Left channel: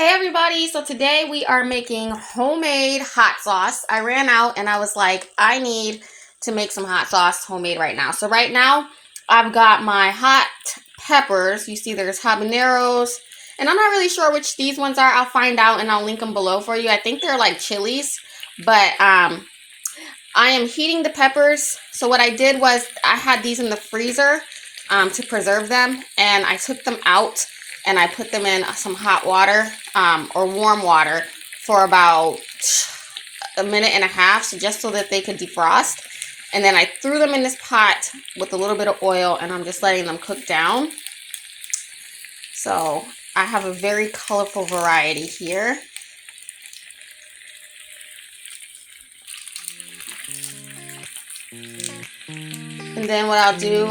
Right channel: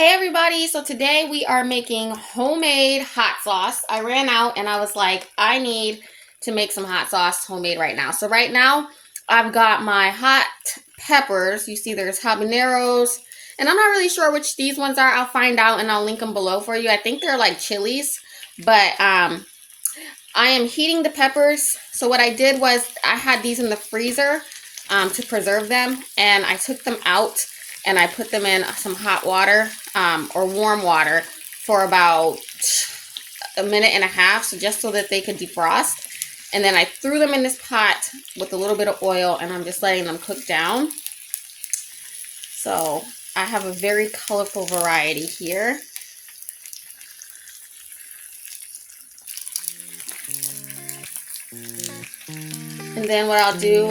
Hey everybody, so today we are making homemade hot sauce. I ran out and I was like, I need to make some hot sauce homemade right now. So right now I've got my hot peppers. You see there's habaneros, and I'm not really sure which these ones are. I'll find out and I'll link them below for you. I think they're like chilies, but I am heating the peppers. So what I did was I had these in the freezer to preserve them, and I took them out and I put them in some hot water or warm water for about a minute and a half, so just so that they could defrost. And then I threw them in this pot with a little bit of oil, and I'm just letting them cook down. So I have a very colorful variety here. And then what I'll do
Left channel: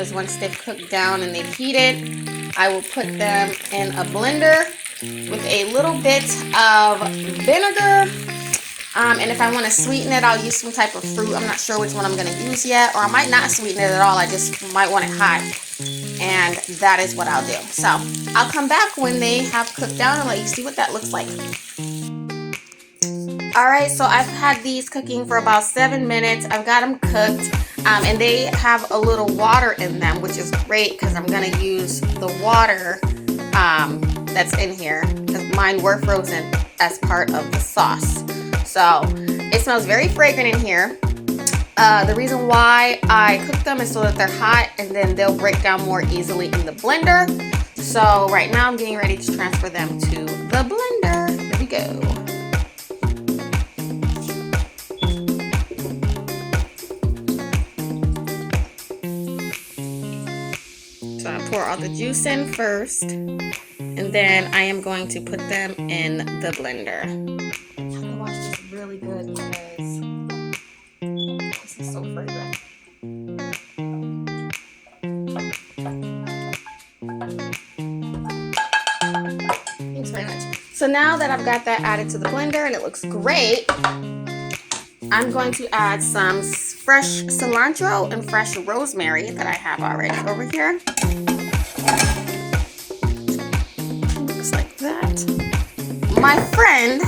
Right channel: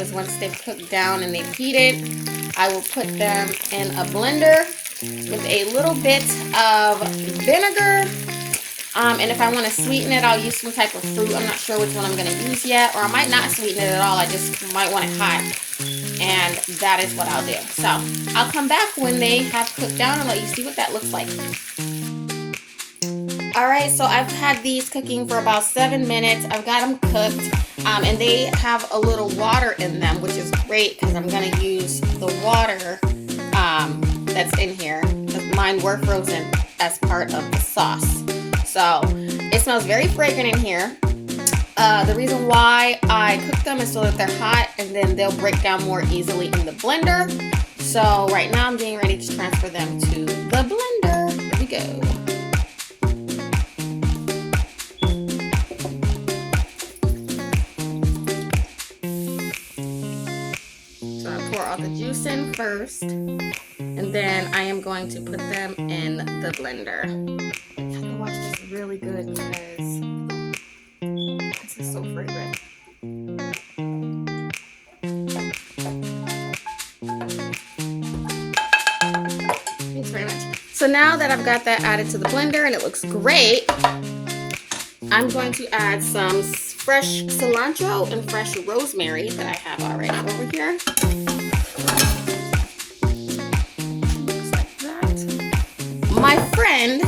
is once they've cooked down and they've heated, I will put them in a blender with a little bit of vinegar. And if I want to sweeten it, I'll use some type of fruit. I'm not sure which one I'm going to use yet, or I might not sweeten it at all. I just might want it hot. And that is what I'll do. So I'll come back when they have cooked down and let you see what that looks like. Alright, so I've had these cooking for about 7 minutes. I've got them cooked, and they have a little water in them, which is great because I'm going to use the water that's in here. Mine were frozen as part of the sauce. So it smells very fragrant in here. The reason why I cook them is so that they're hot and then they'll break down more easily in the blender. So right now I'm getting ready to transfer them to the blender. Here we go. The juice in first, and then I am going to put them in the blender. I have to watch this really good because this is so fragrant. Thanks very much. So now that I've got that added to the blender and it looks great, I'm going to add some fresh cilantro and fresh rosemary that I have already over here. Looks like that. My friend,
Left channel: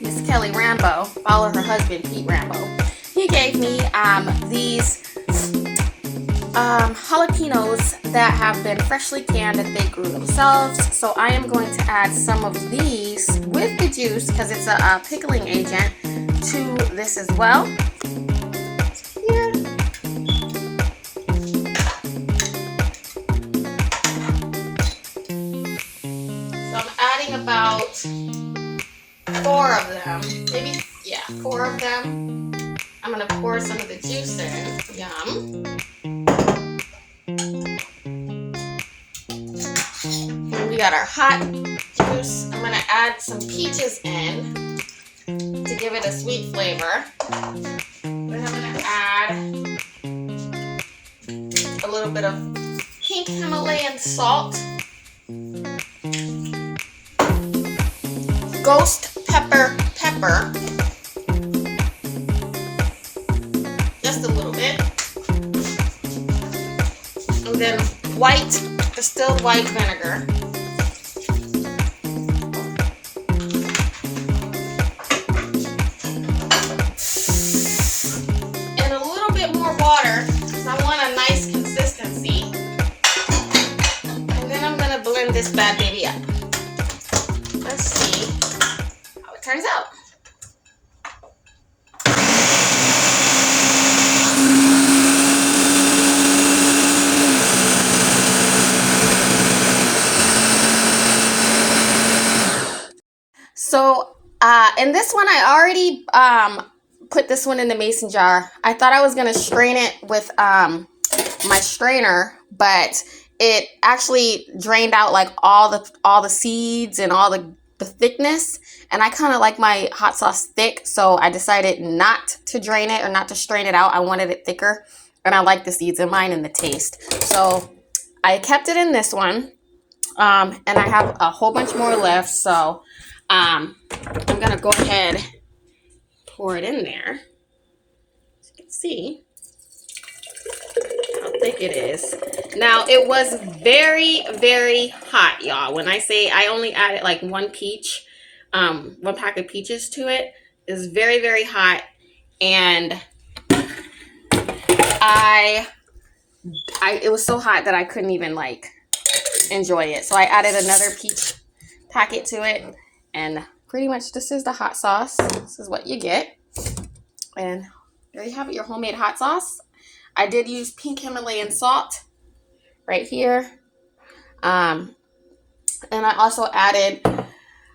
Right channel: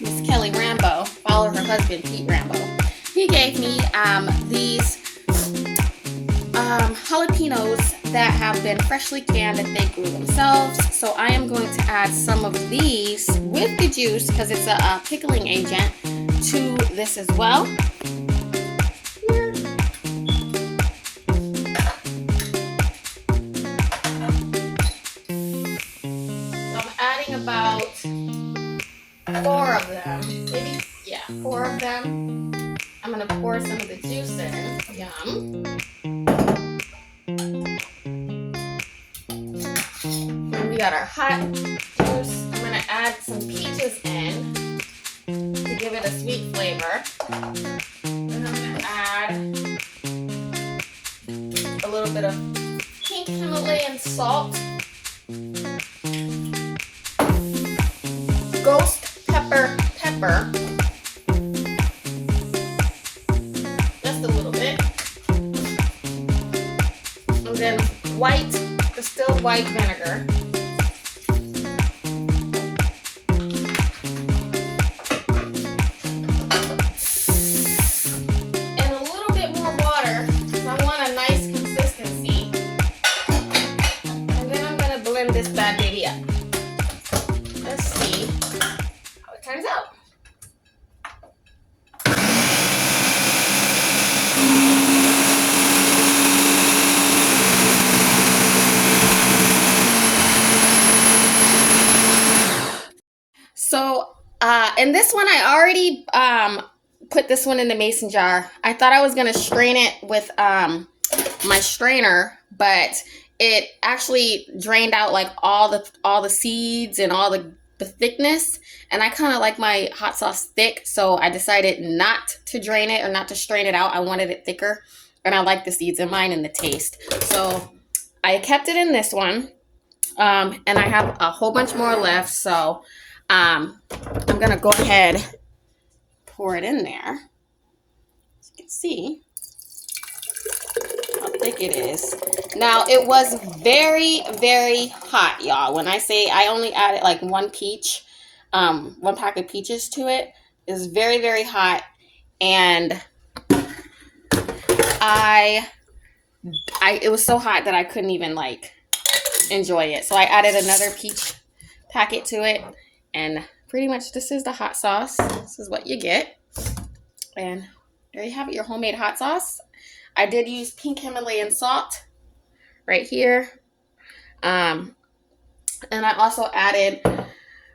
Miss Kelly Rambo, follow her husband Pete Rambo, he gave me these jalapeños that have been freshly canned and they grew themselves. So I am going to add some of these with the juice because it's a pickling agent to this as well. About 4 of them. Maybe, yeah, 4 of them. I'm going to pour some of the juice in. Yum. And we got our hot juice. I'm going to add some peaches in to give it a sweet flavor. Then I'm going to add a little bit of pink Himalayan salt. Ghost pepper, just a little bit, and then distilled white vinegar, and a little bit more water because I want a nice consistency, and then I'm going to blend this bad baby up. Let's see how it turns out. So in this one, I already put this one in the mason jar. I thought I was going to strain it with my strainer, but it actually drained out like all the seeds and all the thickness, and I kind of like my hot sauce thick, so I decided not to drain it or not to strain it out. I wanted it thicker, and I like the seeds in mine and the taste, so I kept it in this one, and I have a whole bunch more left, so I'm gonna go ahead, pour it in there. As you can see, about thick it is. Now, it was very, very hot, y'all. When I say I only added like one pack of peaches to it, it's very, very hot. And it was so hot that I couldn't even like enjoy it. So I added another peach packet to it. And pretty much this is the hot sauce. This is what you get. And there you have it, your homemade hot sauce. I did use pink Himalayan salt right here. And I also added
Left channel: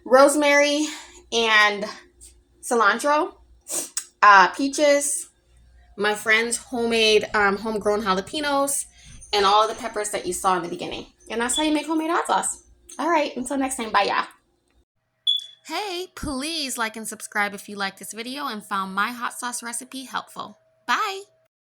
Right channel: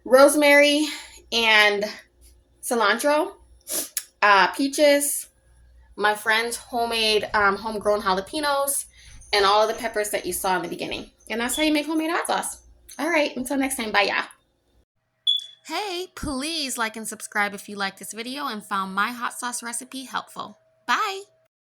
rosemary and cilantro, peaches, my friend's homemade homegrown jalapeños, and all of the peppers that you saw in the beginning. And that's how you make homemade hot sauce. All right, until next time, bye, y'all. Hey, please like and subscribe if you like this video and found my hot sauce recipe helpful. Bye.